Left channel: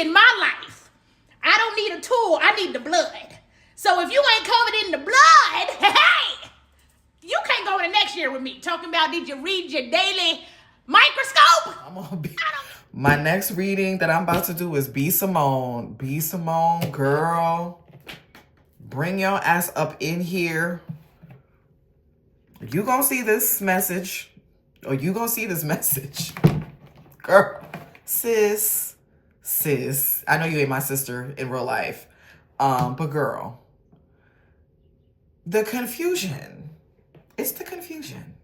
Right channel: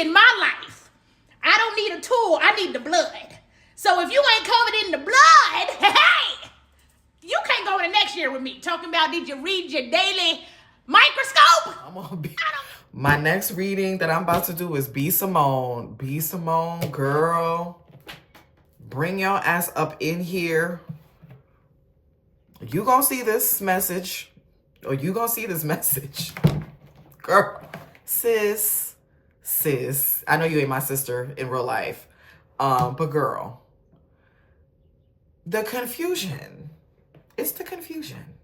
in my life. I don't need a tool. I need the blood. So if you ain't covered in the blood, hey, you can't go into next year with me. Talking about, did you read your daily microscope? My next reading that I'm about to do is B. Simone. B. Simone, girl. Bring your ass up in here. You gonna see this message. Or you gonna see this message. Girl. Sis. I know you ain't my sister in real life. But girl. The confusion. It's the confusion.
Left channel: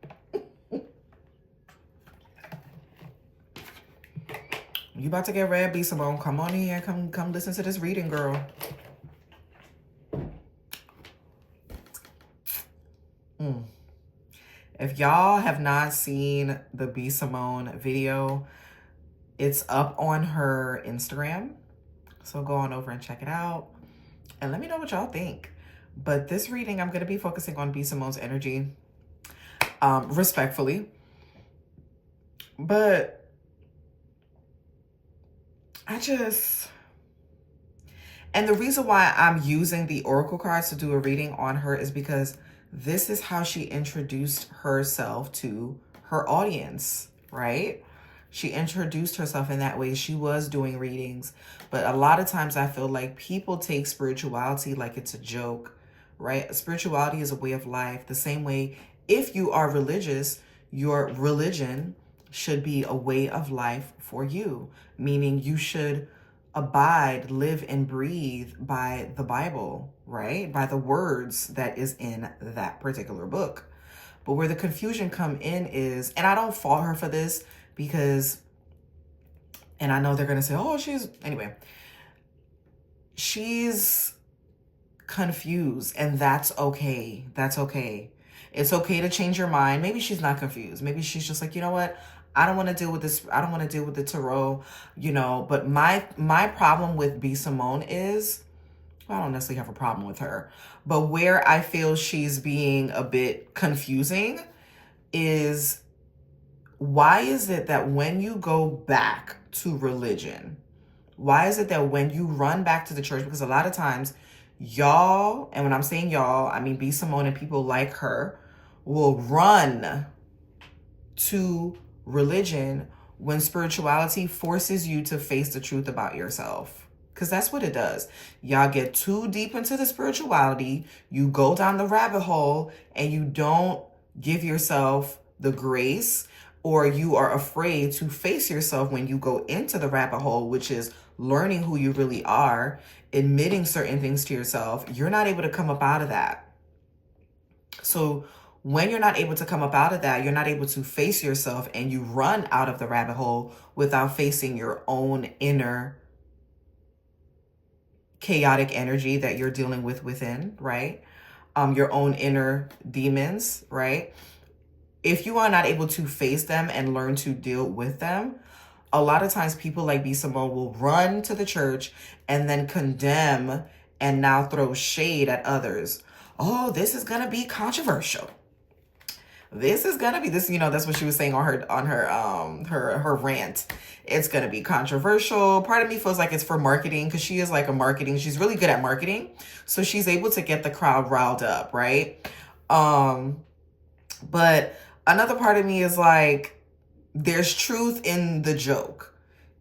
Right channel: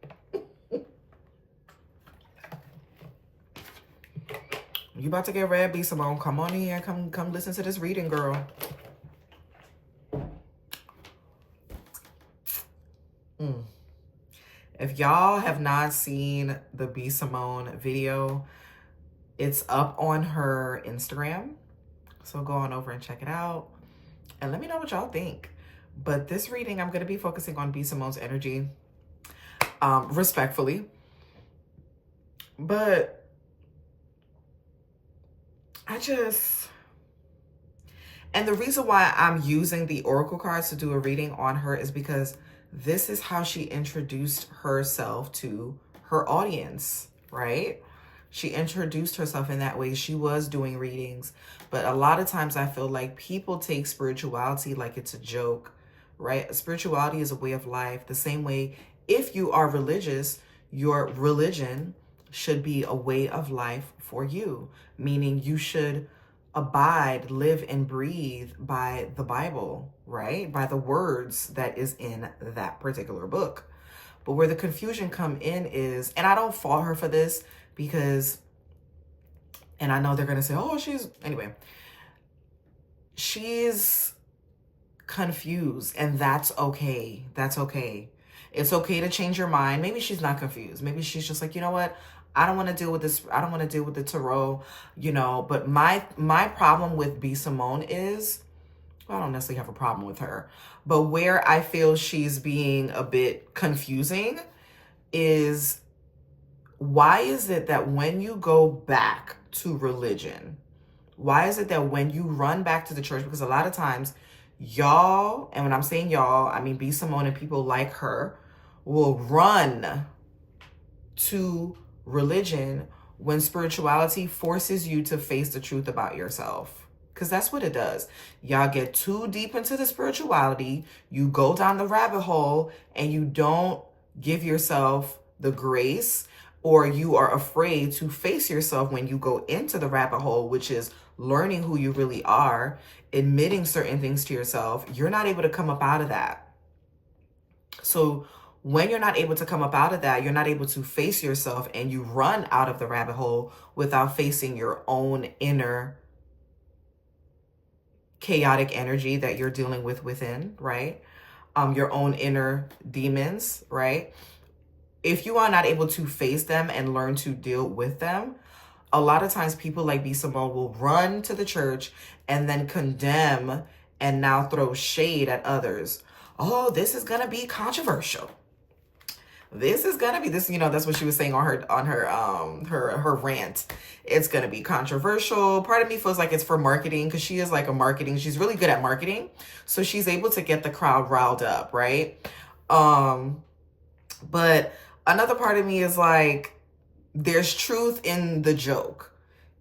You about to get read, B. Simone. Come on here. Come listen to this reading, girl. If y'all have not seen the B. Simone video, it's up on her Instagram. So go on over and check it out. And let me know what y'all think. But this reading, I'm going to be focusing on B. Simone's energy. Respectfully. But and the reason why I'm using the oracle cards to do a reading on her is because this is how she introduced herself to her audience, right? She introduced herself in that way. She was doing readings, but a lot of times I feel like people take spirituality like it's a joke, right? Spirituality is a way of life. The same way, if you are religious, your religion should be a way of life for you, meaning you should abide, live, and breathe by the Bible, right? By the words that is in that particular book. But where the confusion come in is, and I don't fault her for this because, and I know they're going to say, oh, she's confused, and that's okay. That's okay. It's okay to change your mind. Maybe she's not confused. Maybe she's just like, you know what? I don't want to deal with this. I don't want to deal with the tarot, but my problem with B. Simone is, well, I don't necessarily have a problem with her, but where I feel she's being a bit confusing is, why is it that when you go back to religion, why is it that when you run back to the church, because a lot of times y'all, and when I'm saying y'all, I mean B. Simone and people like her, will run to religion when spirituality forces you to face the truth about yourself. Because that's what it does. Y'all get too deep into the spirituality, you go down the rabbit hole, and you don't give yourself the grace, or you are afraid to face yourself when you go into the rabbit hole, which is learning who you really are, admitting certain things to yourself. You're not able to come up out of that. So when you're not able to come up out of that, you're not able to face yourself, and you run out of the rabbit hole without facing your own inner chaotic energy that you're dealing with within, right? Your own inner demons, right? If you are not able to face them and learn to deal with them, a lot of times people like B. Simone will run to the church and then condemn and now throw shade at others. Oh, this is going to be controversial. This is gonna be this, that's what she was saying on her rant. It's gonna be controversial. Part of me feels like it's for marketing, because she is like she's really good at marketing. So she's able to get the crowd riled up, right? But another part of me is like, there's truth in the joke.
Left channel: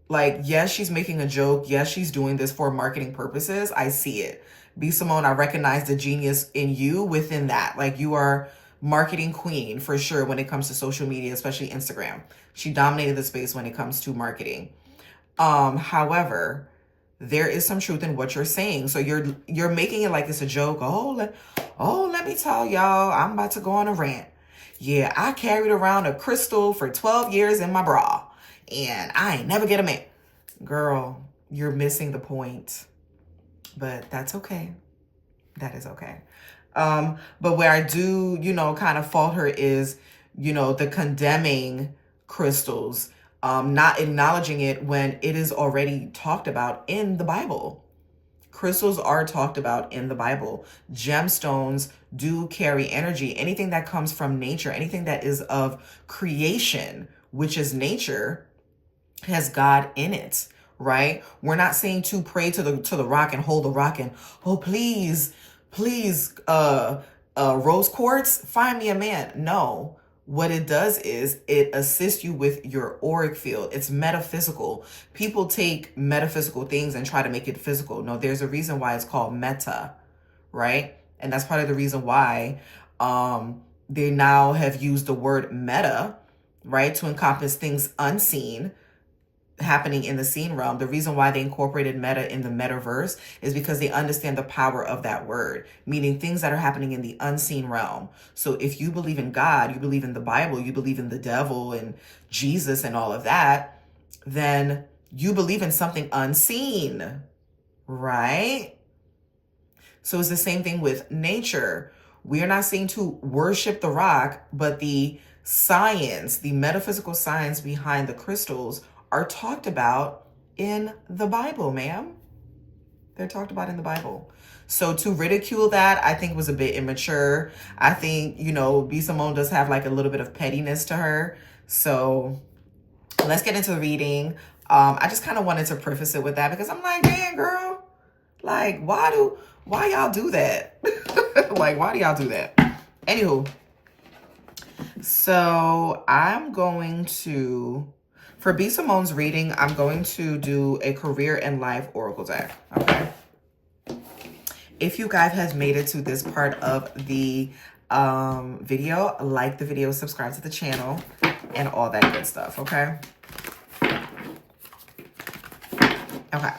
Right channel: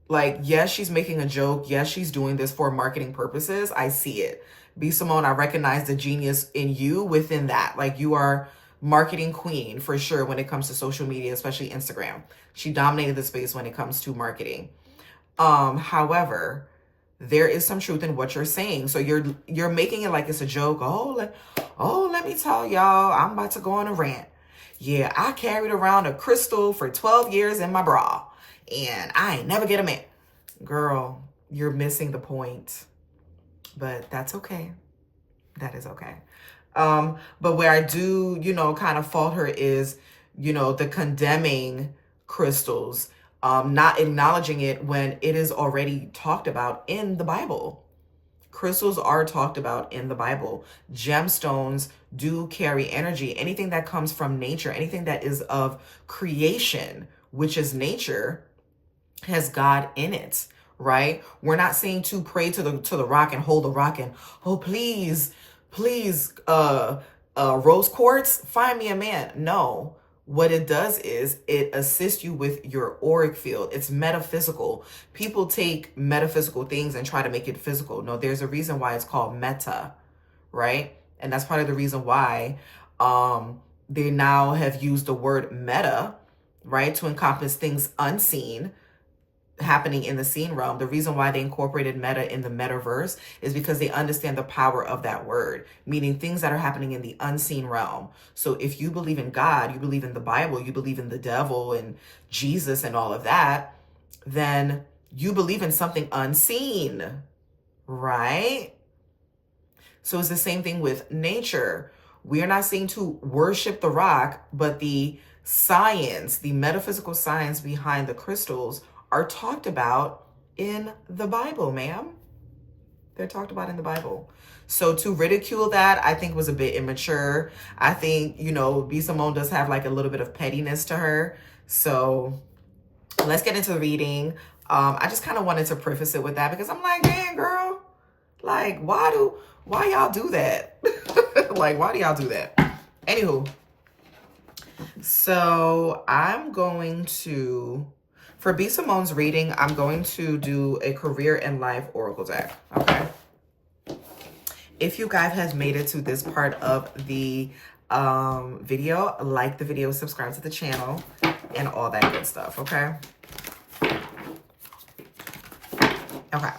Like, yes, she's making a joke. Yes, she's doing this for marketing purposes. I see it. B. Simone, I recognize the genius in you within that. Like, you are marketing queen for sure when it comes to social media, especially Instagram. She dominated the space when it comes to marketing. However, there is some truth in what you're saying. So you're making it like it's a joke. Let me tell y'all, I'm about to go on a rant. Yeah, I carried around a crystal for 12 years in my bra, and I ain't never get a man. Girl, you're missing the point. But that's okay. That is okay. But where I do, kind of fault her is, the condemning crystals, not acknowledging it when it is already talked about in the Bible. Crystals are talked about in the Bible. Gemstones do carry energy. Anything that comes from nature, anything that is of creation, which is nature, has God in it, right? We're not saying to pray to the rock and hold the rock and, oh, please, rose quartz, find me a man. No. What it does is it assists you with your auric field. It's metaphysical. People take metaphysical things and try to make it physical. No, there's a reason why it's called meta, right? And that's part of the reason why they now have used the word meta, right, to encompass things unseen happening in the seen realm. The reason why they incorporated meta in the metaverse is because they understand the power of that word, meaning things that are happening in the unseen realm. So if you believe in God, you believe in the Bible, you believe in the devil and Jesus and all of that, then you believe in something unseen, right? So it's the same thing with nature. We are not saying to worship the rock, but the science, the metaphysical science behind the crystals are talked about in the Bible, ma'am. They're talked about in the Bible. So to ridicule that, I think was a bit immature. I think, B. Simone does have like a little bit of pettiness to her. So let's get into the reading. I just kind of wanted to preface it with that because I'm like, damn, girl, like, why y'all do that? Like, why do y'all do that? Anywho, so I'm going to, for B. Simone's reading, I'm going to do a career and life oracle deck, okay? If you guys have made it to this part of the video, like the video, subscribe to the channel, and all that good stuff, okay? Okay.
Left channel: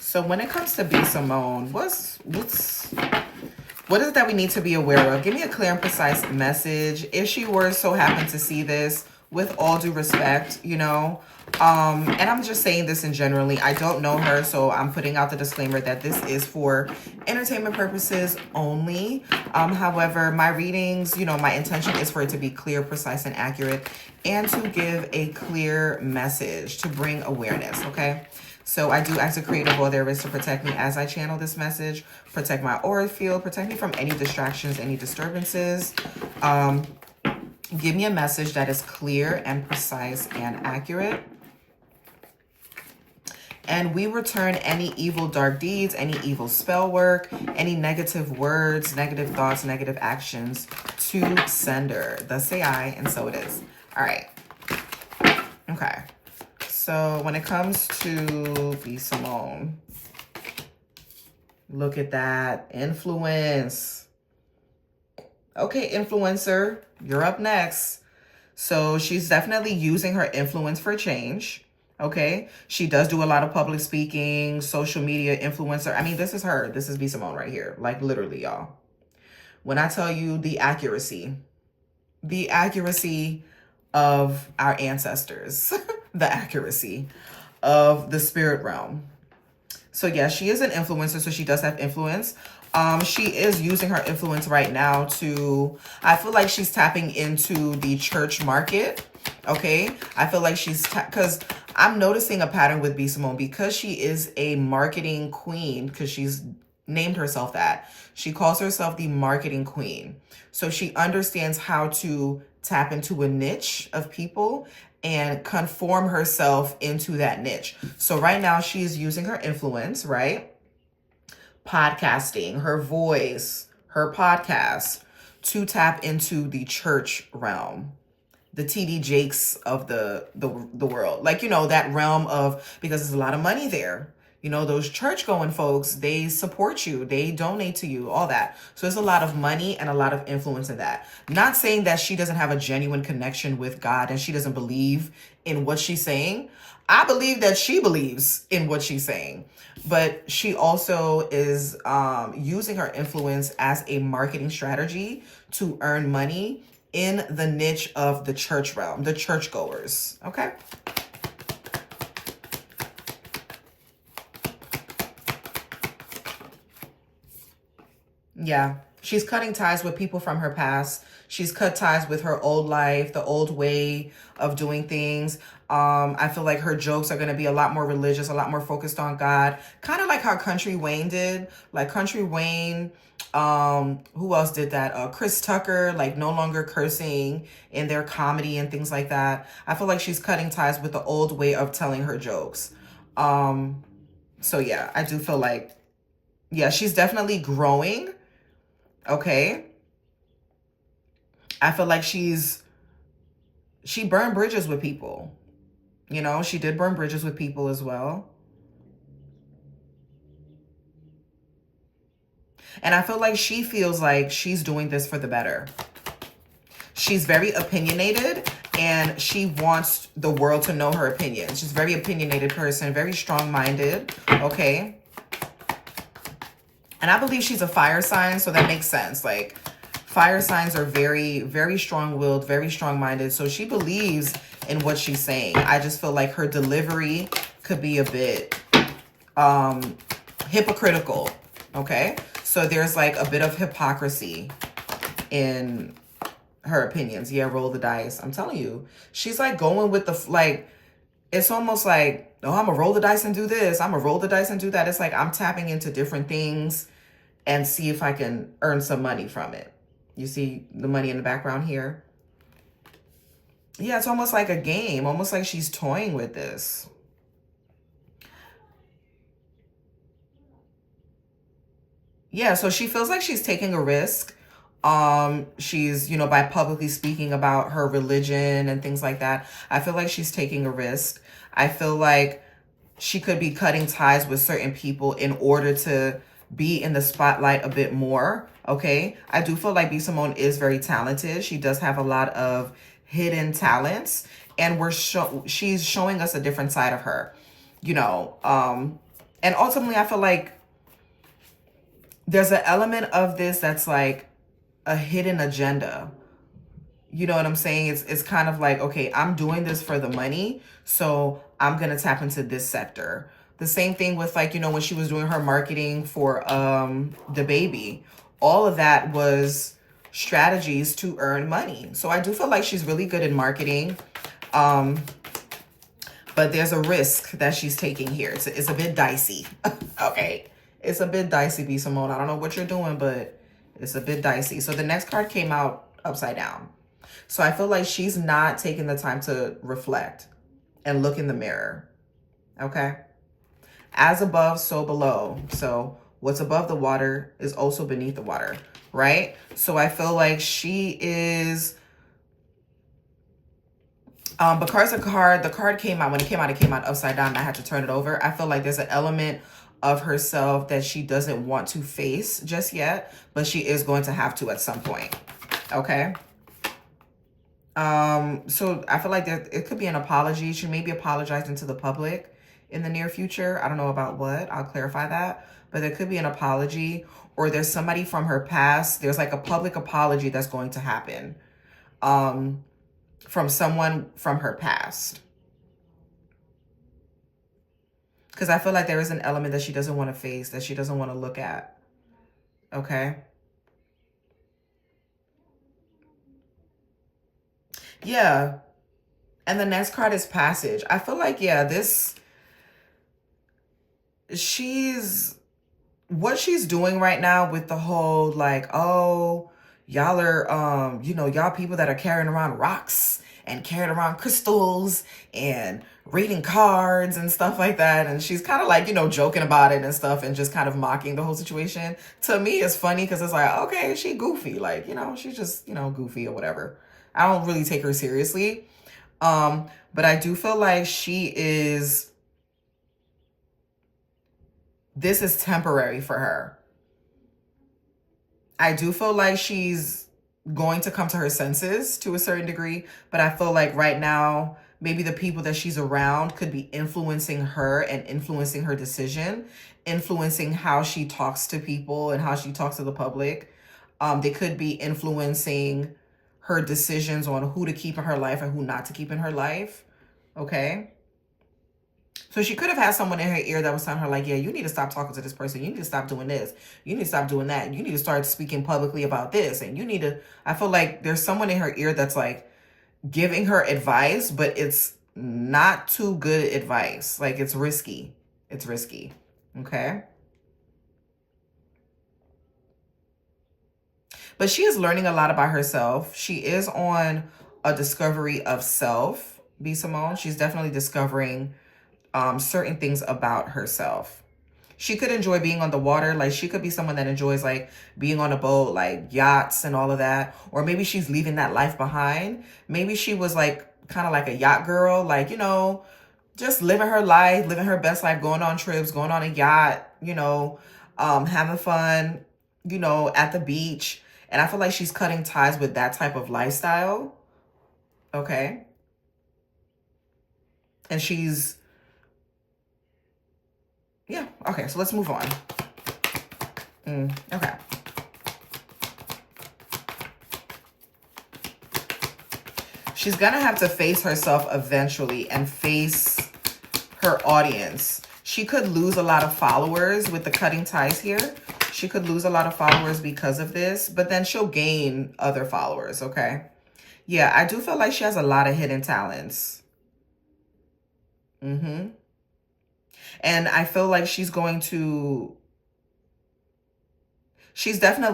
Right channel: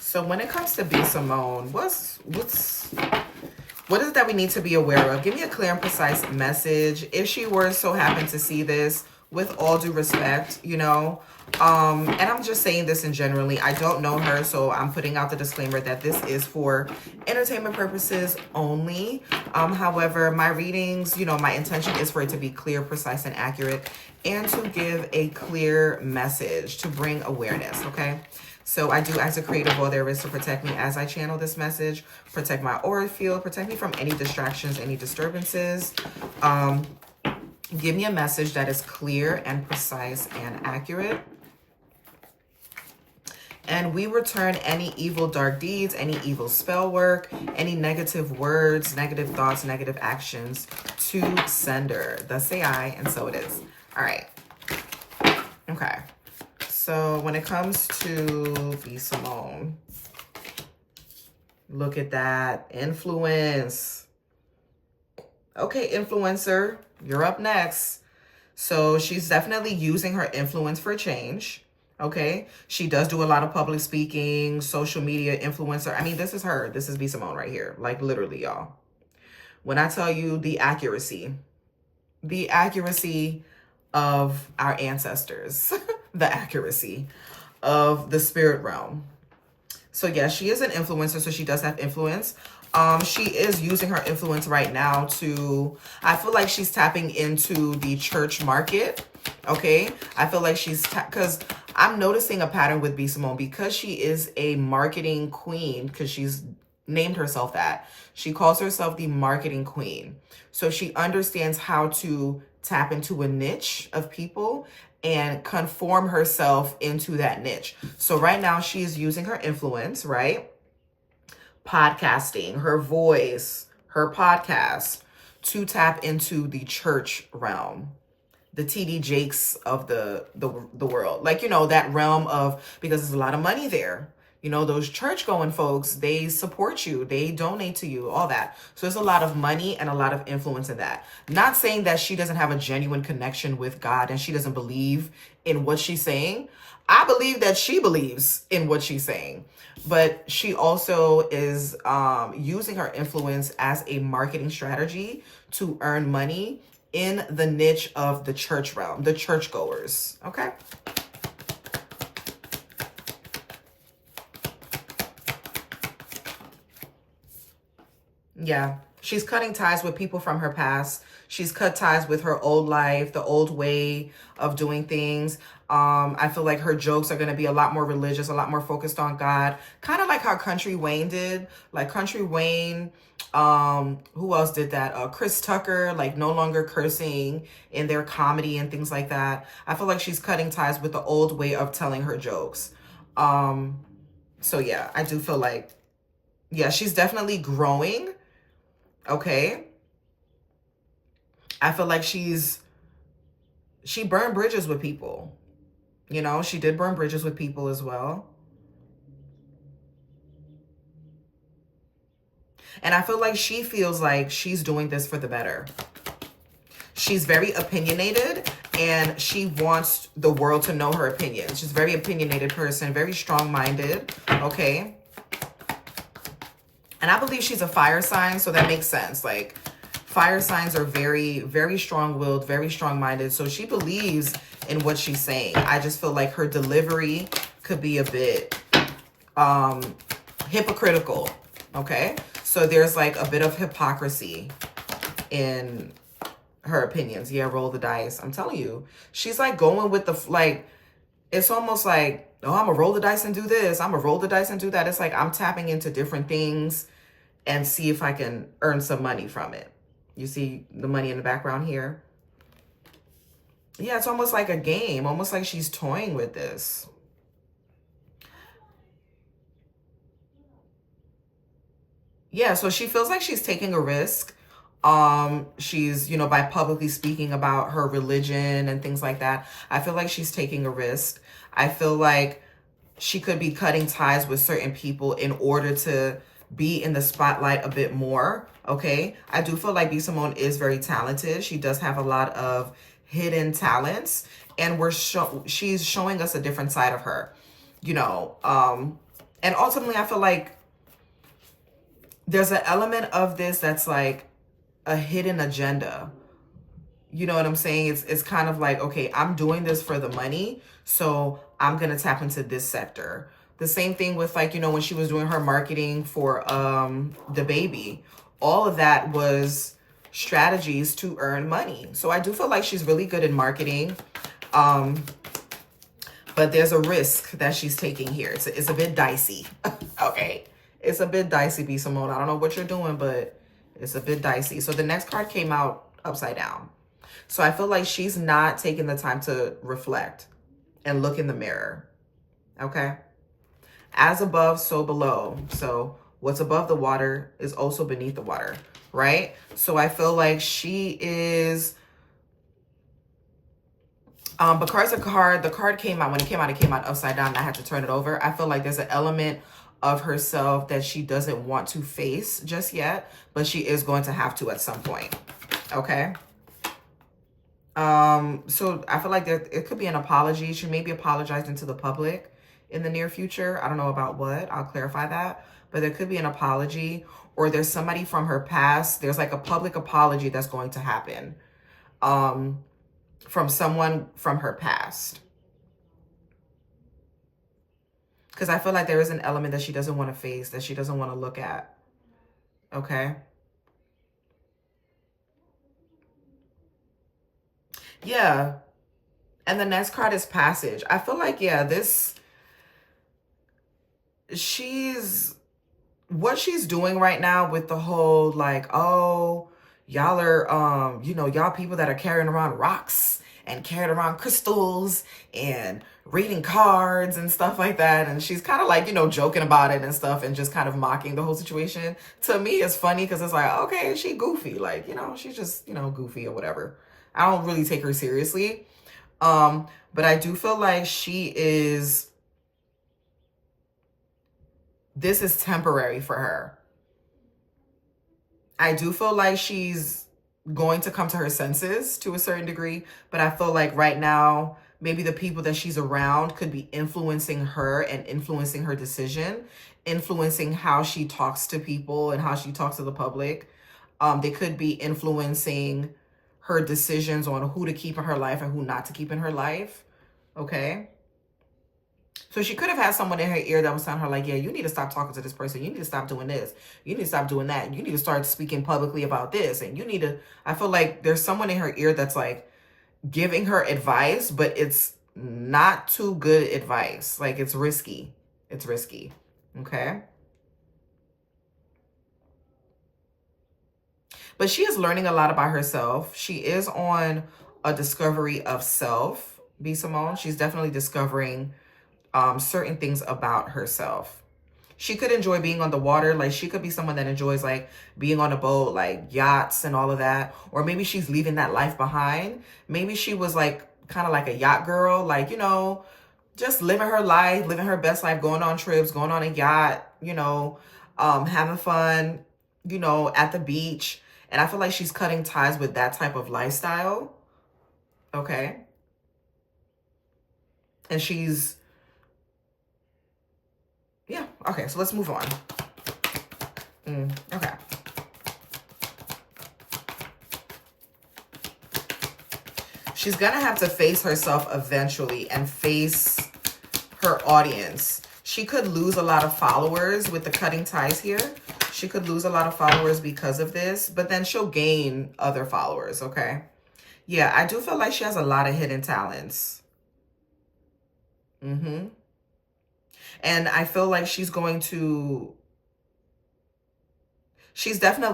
So when it comes to B. Simone, what is it that we need to be aware of? Give me a clear and precise message. If she were so happen to see this, with all due respect, and I'm just saying this in generally, I don't know her, so I'm putting out the disclaimer that this is for entertainment purposes only. However, my readings, my intention is for it to be clear, precise, and accurate, and to give a clear message, to bring awareness, okay? So I do ask the creative all there is to protect me as I channel this message, protect my aura field, protect me from any distractions, any disturbances. Give me a message that is clear and precise and accurate. And we return any evil dark deeds, any evil spell work, any negative words, negative thoughts, negative actions to sender. Thus say I, and so it is. All right. Okay. So when it comes to B. Simone, look at that. Influence. Okay, influencer, you're up next. So she's definitely using her influence for change. Okay, she does do a lot of public speaking, social media influencer. I mean, this is her. This is B. Simone right here. Like literally, y'all. When I tell you the accuracy of our ancestors, the accuracy of the spirit realm. So yeah, she is an influencer, so she does have influence. She is using her influence right now to, I feel like she's tapping into the church market, okay? I feel like she's, because I'm noticing a pattern with B. Simone because she is a marketing queen, because she's named herself that. She calls herself the marketing queen. So she understands how to tap into a niche of people and conform herself into that niche. So right now she is using her influence, right? Podcasting, her voice, her podcast to tap into the church realm, the TD Jakes of the world. Like, that realm of, because there's a lot of money there. Those church going folks, they support you, they donate to you, all that. So there's a lot of money and a lot of influence in that. Not saying that she doesn't have a genuine connection with God and she doesn't believe in what she's saying. I believe that she believes in what she's saying, but she also is using her influence as a marketing strategy to earn money in the niche of the church realm, the churchgoers, okay? Yeah, she's cutting ties with people from her past. She's cut ties with her old life, the old way of doing things. I feel like her jokes are going to be a lot more religious, a lot more focused on God. Kind of like how Country Wayne did. Like Country Wayne Who else did that? Chris Tucker, like no longer cursing in their comedy and things like that. I feel like she's cutting ties with the old way of telling her jokes. So yeah, I do feel like, yeah, she's definitely growing. Okay. I feel like she burned bridges with people. You know, she did burn bridges with people as well. And I feel like she feels like she's doing this for the better. She's very opinionated and she wants the world to know her opinions. She's a very opinionated person, very strong-minded, okay? And I believe she's a fire sign, so that makes sense. Like, fire signs are very, very strong-willed, very strong-minded. So she believes in what she's saying. I just feel like her delivery could be a bit hypocritical, okay? So there's like a bit of hypocrisy in her opinions. Yeah, roll the dice. I'm telling you, she's like going with the, like, it's almost like, oh, I'm gonna roll the dice and do this. I'm gonna roll the dice and do that. It's like I'm tapping into different things and see if I can earn some money from it. You see the money in the background here? Yeah, it's almost like a game, almost like she's toying with this. Yeah, so she feels like she's taking a risk. She's, you know, by publicly speaking about her religion and things like that, I feel like she's taking a risk. I feel like she could be cutting ties with certain people in order to be in the spotlight a bit more, okay? I do feel like B. Simone is very talented. She does have a lot of hidden talents, and she's showing us a different side of her, you know? And ultimately, I feel like there's an element of this that's like a hidden agenda. You know what I'm saying? It's kind of like, okay, I'm doing this for the money, so I'm gonna tap into this sector. The same thing with, like, you know, when she was doing her marketing for the baby, all of that was strategies to earn money. So I do feel like she's really good in marketing, but there's a risk that she's taking here. It's a bit dicey. Okay, it's a bit dicey, B. Simone. I don't know what you're doing, but it's a bit dicey. So the next card came out upside down. So I feel like she's not taking the time to reflect and look in the mirror, okay? As above, so below. So what's above the water is also beneath the water, right? So I feel like she is, because the card came out, when it came out upside down, and I had to turn it over. I feel like there's an element of herself that she doesn't want to face just yet, but she is going to have to at some point, okay? So I feel like it could be an apology. She may be apologizing to the public in the near future. I don't know about what. I'll clarify that. But there could be an apology, or there's somebody from her past. There's like a public apology that's going to happen from someone from her past. Because I feel like there is an element that she doesn't want to face, that she doesn't want to look at. Okay? Yeah. And the next card is passage. I feel like, yeah, what she's doing right now with the whole, like, oh, y'all are, you know, y'all people that are carrying around rocks and carrying around crystals and reading cards and stuff like that. And she's kind of like, you know, joking about it and stuff and just kind of mocking the whole situation. To me, it's funny because it's like, okay, she goofy. Like, you know, she's just, you know, goofy or whatever. I don't really take her seriously. But I do feel like this is temporary for her. I do feel like she's going to come to her senses to a certain degree, but I feel like right now, maybe the people that she's around could be influencing her and influencing her decision, influencing how she talks to people and how she talks to the public. They could be influencing her decisions on who to keep in her life and who not to keep in her life. Okay? So she could have had someone in her ear that was telling her, like, yeah, you need to stop talking to this person. You need to stop doing this. You need to stop doing that. You need to start speaking publicly about this. And you need to, I feel like there's someone in her ear that's like giving her advice, but it's not too good advice. Like, it's risky. It's risky. Okay? But she is learning a lot about herself. She is on a discovery of self, B. Simone. She's definitely discovering certain things about herself. She could enjoy being on the water. Like, she could be someone that enjoys, like, being on a boat, like yachts and all of that. Or maybe she's leaving that life behind. Maybe she was, like, kind of like a yacht girl, like, you know, just living her life, living her best life, going on trips, going on a yacht, you know, having fun, you know, at the beach. And I feel like she's cutting ties with that type of lifestyle. Okay. And she's, yeah. Okay, so let's move on. Okay. She's gonna have to face herself eventually and face her audience. She could lose a lot of followers with the cutting ties here. She could lose a lot of followers because of this, but then she'll gain other followers, okay? Yeah, I do feel like she has a lot of hidden talents. And I feel like she's definitely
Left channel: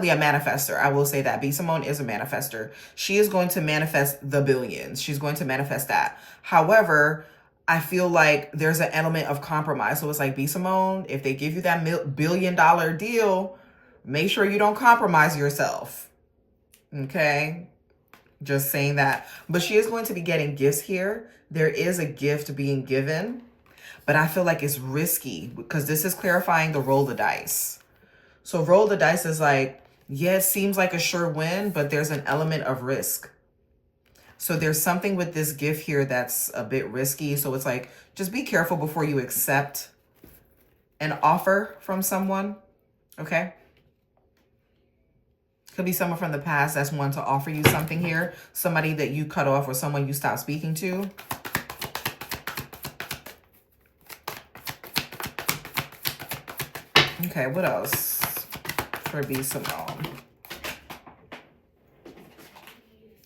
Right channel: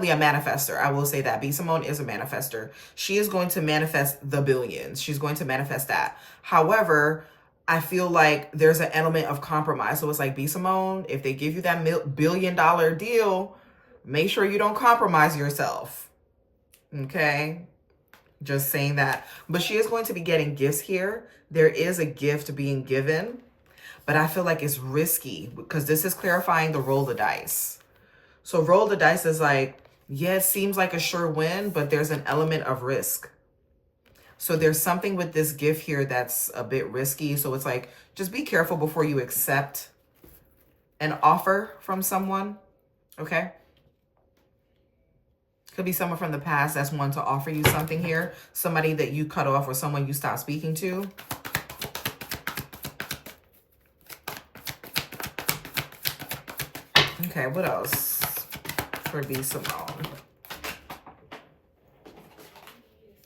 a manifester. I will say that. B. Simone is a manifester. She is going to manifest the billions. She's going to manifest that. However, I feel like there's an element of compromise. So it's like, B. Simone, if they give you that $1 billion deal, make sure you don't compromise yourself. Okay? Just saying that. But she is going to be getting gifts here. There is a gift being given. But I feel like it's risky because this is clarifying the roll the dice. So roll the dice is like, yeah, it seems like a sure win, but there's an element of risk. So there's something with this gift here that's a bit risky. So it's like, just be careful before you accept an offer from someone. Okay. Could be someone from the past that's wanting to offer you something here. Somebody that you cut off or someone you stopped speaking to. Okay, what else for B. Simone?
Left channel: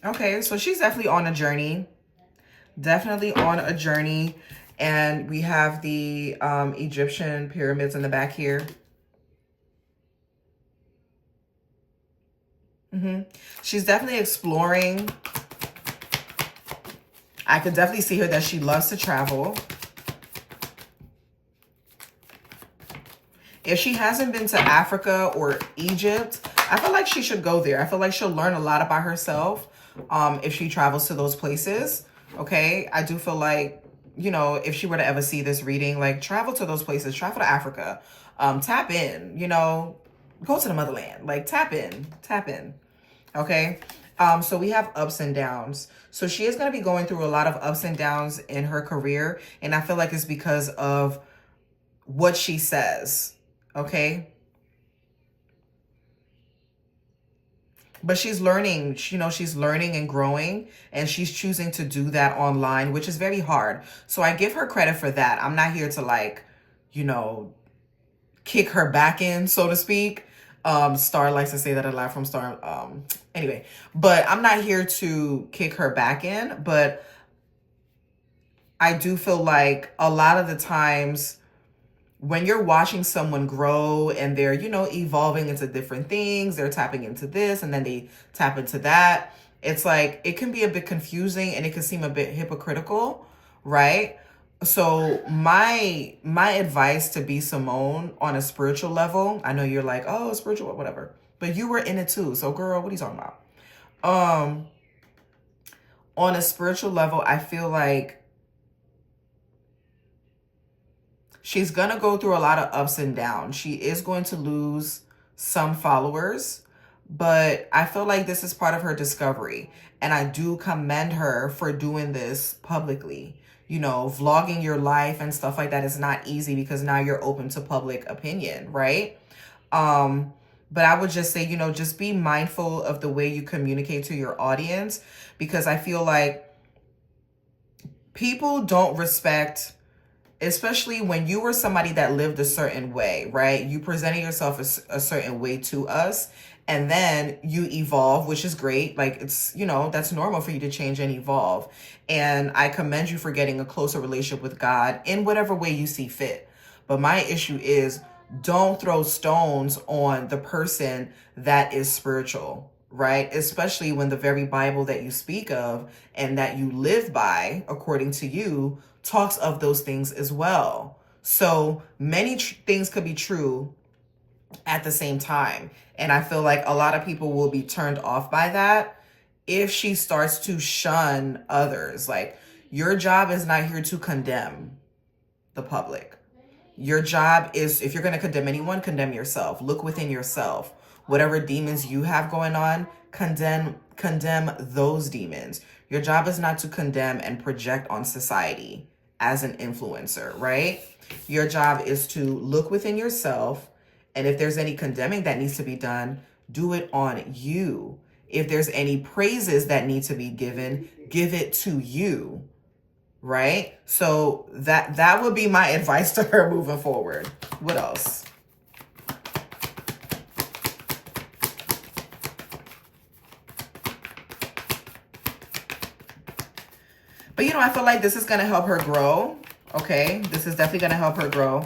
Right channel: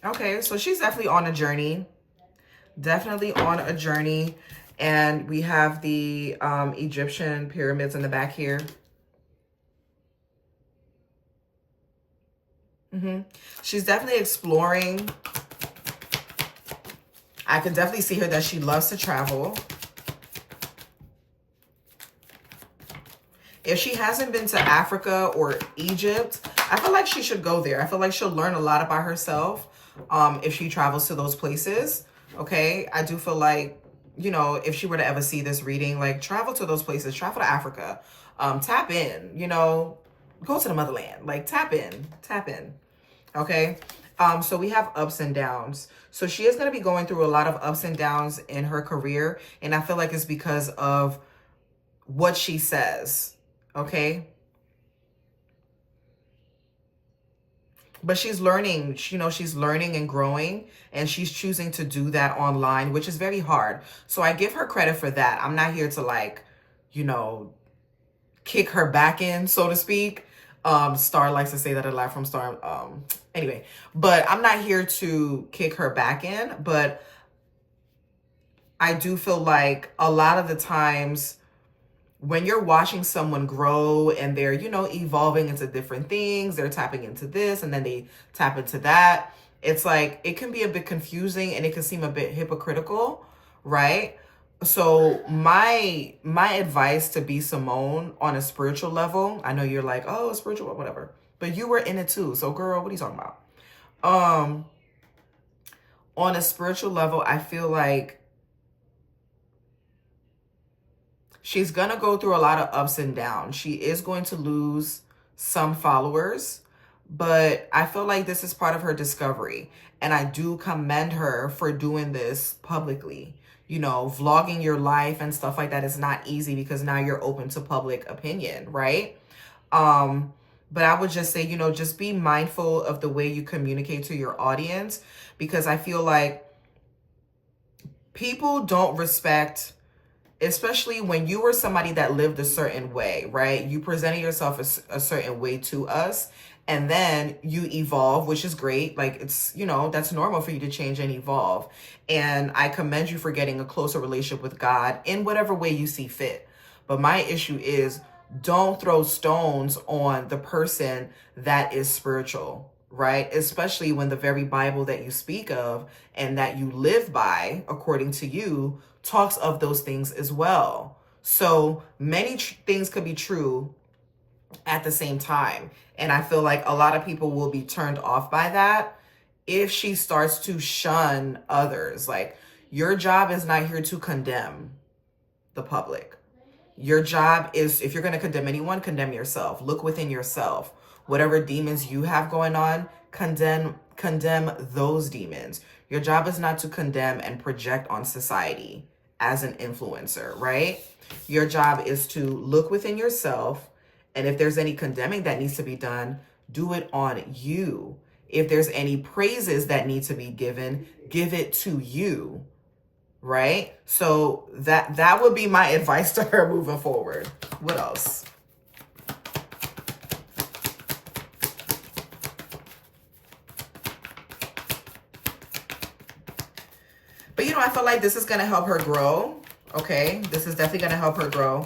Okay, so she's definitely on a journey. Definitely on a journey. And we have the Egyptian pyramids in the back here. She's definitely exploring. I can definitely see her that she loves to travel. If she hasn't been to Africa or Egypt, I feel like she should go there. I feel like she'll learn a lot about herself if she travels to those places. Okay, I do feel like, you know, if she were to ever see this reading, like, travel to those places, travel to Africa, tap in, you know, go to the motherland, like, tap in. Okay. So we have ups and downs. So she is going to be going through a lot of ups and downs in her career. And I feel like it's because of what she says. Okay. But she's learning, you know, she's learning and growing, and she's choosing to do that online, which is very hard. So I give her credit for that. I'm not here to, like, you know, kick her back in, so to speak. Star likes to say that a lot from Star. Anyway, but I'm not here to kick her back in, but I do feel like a lot of the times when you're watching someone grow and they're, you know, evolving into different things, they're tapping into this and then they tap into that. It's like, it can be a bit confusing and it can seem a bit hypocritical, right? So my advice to B. Simone on a spiritual level, I know you're like, oh, spiritual, whatever, but you were in it too. So girl, what are you talking about? On a spiritual level, I feel like she's going to go through a lot of ups and downs. She is going to lose some followers, but I feel like this is part of her discovery. And I do commend her for doing this publicly. You know, vlogging your life and stuff like that is not easy because now you're open to public opinion, right? But I would just say, you know, just be mindful of the way you communicate to your audience, because I feel like people don't respect, especially when you were somebody that lived a certain way, right? You presented yourself a certain way to us, and then you evolve, which is great. Like, it's, you know, that's normal for you to change and evolve. And I commend you for getting a closer relationship with God in whatever way you see fit. But my issue is, don't throw stones on the person that is spiritual, right? Especially when the very Bible that you speak of and that you live by, according to you, talks of those things as well. So many things could be true at the same time. And I feel like a lot of people will be turned off by that if she starts to shun others. Like, your job is not here to condemn the public. Your job is, if you're going to condemn anyone, condemn yourself. Look within yourself. Whatever demons you have going on, condemn those demons. Your job is not to condemn and project on society as an influencer, right? Your job is to look within yourself, and if there's any condemning that needs to be done, do it on you. If there's any praises that need to be given, give it to you. Right? So that would be my advice to her moving forward. What else? But I feel like this is going to help her grow. Okay? This is definitely going to help her grow.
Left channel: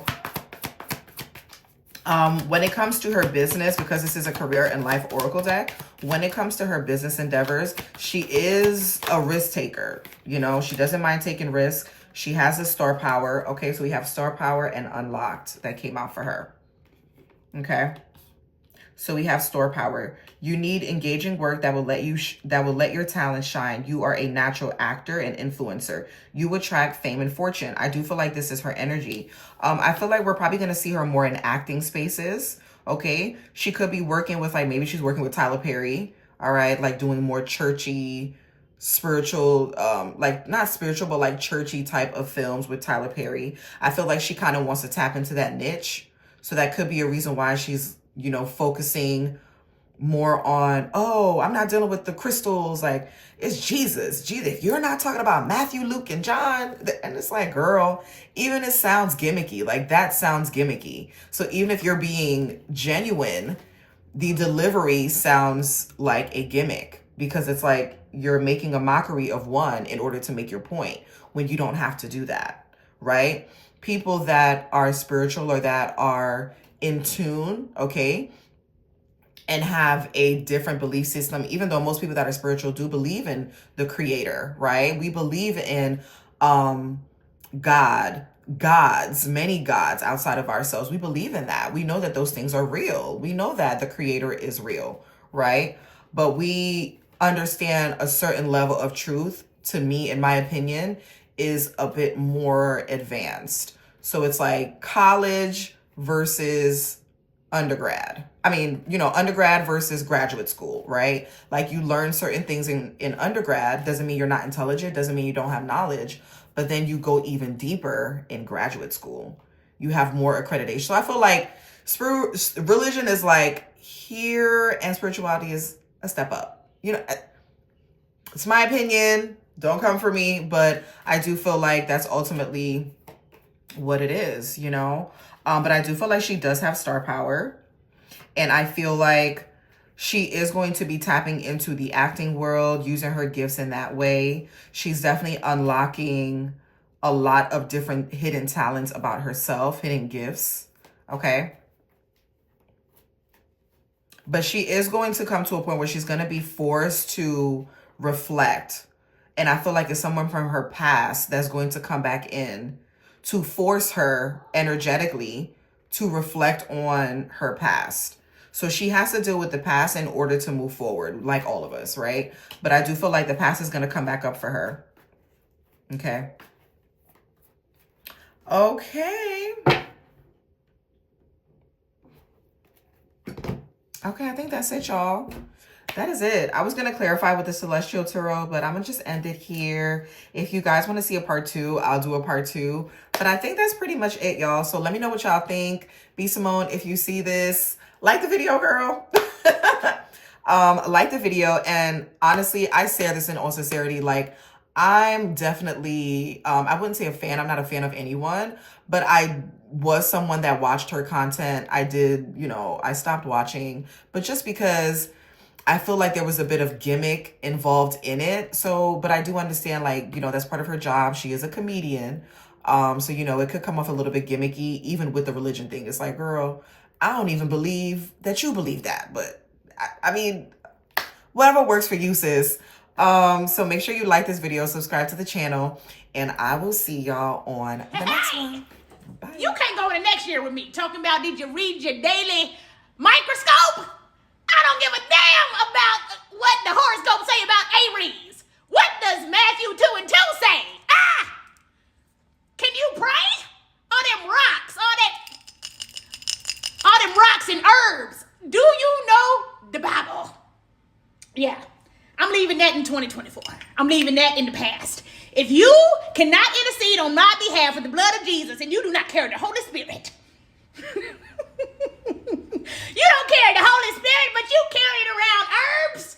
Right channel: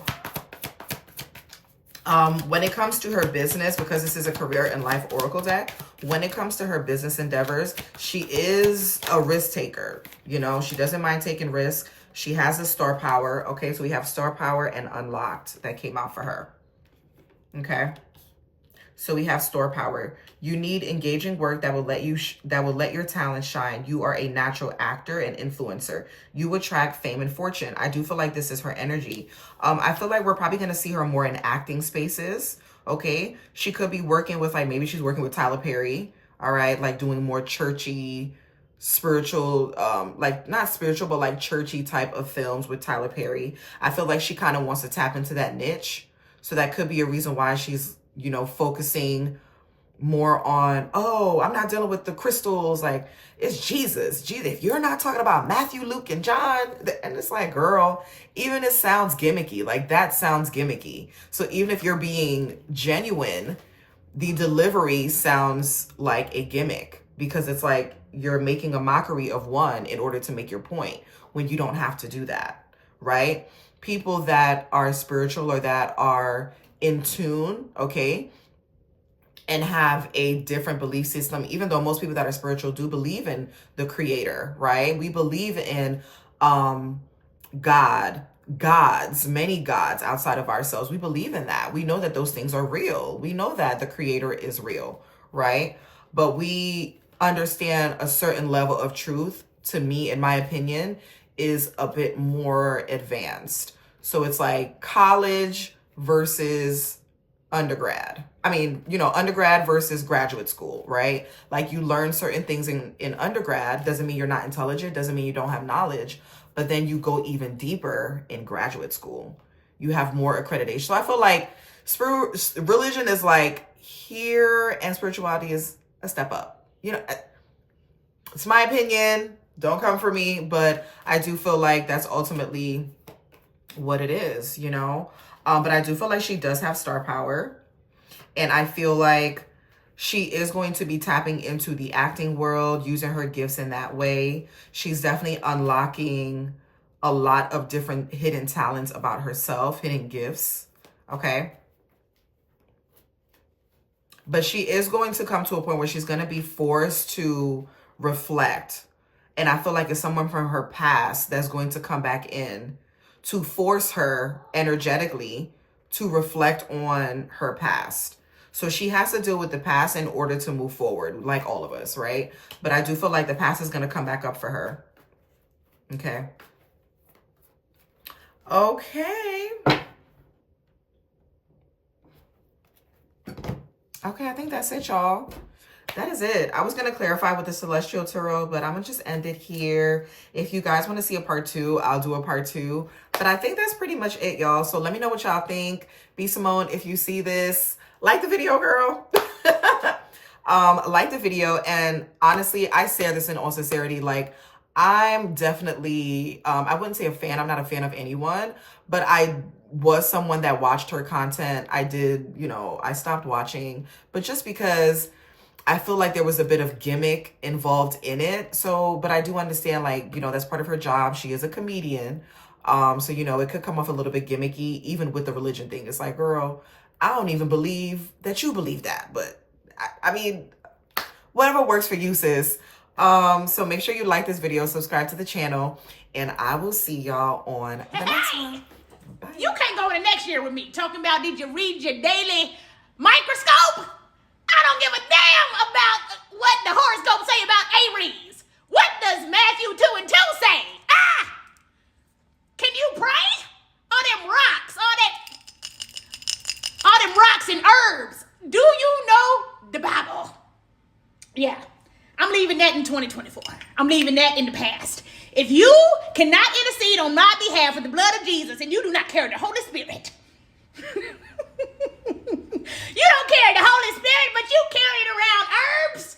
When it comes to her business, because this is a career and life oracle deck, when it comes to her business endeavors, she is a risk taker. She doesn't mind taking risks. She has a star power. Okay, so we have star power and unlocked that came out for her. Okay, so we have star power. You need engaging work that will let your talent shine. You are a natural actor and influencer. You attract fame and fortune. I do feel like this is her energy. I feel like we're probably going to see her more in acting spaces. Okay, she could be working with, like, maybe she's working with Tyler Perry. All right, like doing more churchy, spiritual, like not spiritual, but like churchy type of films with Tyler Perry. I feel like she kind of wants to tap into that niche. So that could be a reason why she's, focusing more on, oh, I'm not dealing with the crystals. Like, it's Jesus. If you're not talking about Matthew, Luke, and John, and it's like, girl, even it sounds gimmicky. Like, that sounds gimmicky. So even if you're being genuine, the delivery sounds like a gimmick, because it's like you're making a mockery of one in order to make your point, when you don't have to do that, right? People that are spiritual or that are in tune, okay, and have a different belief system, even though most people that are spiritual do believe in the creator, right? We believe in many gods outside of ourselves. We believe in that. We know that those things are real. We know that the creator is real, right? But we understand a certain level of truth, to me, in my opinion, is a bit more advanced. So it's like college versus undergrad. Undergrad versus graduate school, right? Like, you learn certain things in undergrad. Doesn't mean you're not intelligent, doesn't mean you don't have knowledge, but then you go even deeper in graduate school. You have more accreditation. So I feel like religion is like here, and spirituality is a step up. It's my opinion. Don't come for me, but I do feel like that's ultimately what it is, But I do feel like she does have star power. And I feel like she is going to be tapping into the acting world, using her gifts in that way. She's definitely unlocking a lot of different hidden talents about herself, hidden gifts, okay? But she is going to come to a point where she's going to be forced to reflect. And I feel like it's someone from her past that's going to come back in to force her energetically to reflect on her past. So she has to deal with the past in order to move forward, like all of us, right? But I do feel like the past is going to come back up for her. Okay. Okay. Okay, I think that's it, y'all. That is it. I was going to clarify with the Celestial Tarot, but I'm going to just end it here. If you guys want to see a part 2, I'll do a part 2. But I think that's pretty much it, y'all. So let me know what y'all think. B Simone, if you see this, like the video, girl. Like the video. And honestly, I say this in all sincerity, like, I'm definitely, I wouldn't say a fan. I'm not a fan of anyone, but I was someone that watched her content. I did, I stopped watching, but just because I feel like there was a bit of gimmick involved in it. So, but I do understand, like, that's part of her job. She is a comedian. So, it could come off a little bit gimmicky, even with the religion thing. It's like, girl, I don't even believe that you believe that. But I mean, Whatever works for you, sis. So make sure you like this video, subscribe to the channel, and I will see y'all on the next one. Bye. You can't go to next year with me talking about did you read your daily microscope? I don't give a damn about what the horoscope say about Aries. What does Matthew 2 and 2 say? Can you pray? All them rocks, all them rocks and herbs. Do you know the Bible? Yeah, I'm leaving that in 2024. I'm leaving that in the past. If you cannot intercede on my behalf with the blood of Jesus and you do not carry the Holy Spirit, you don't carry the Holy Spirit, but you carry it around herbs,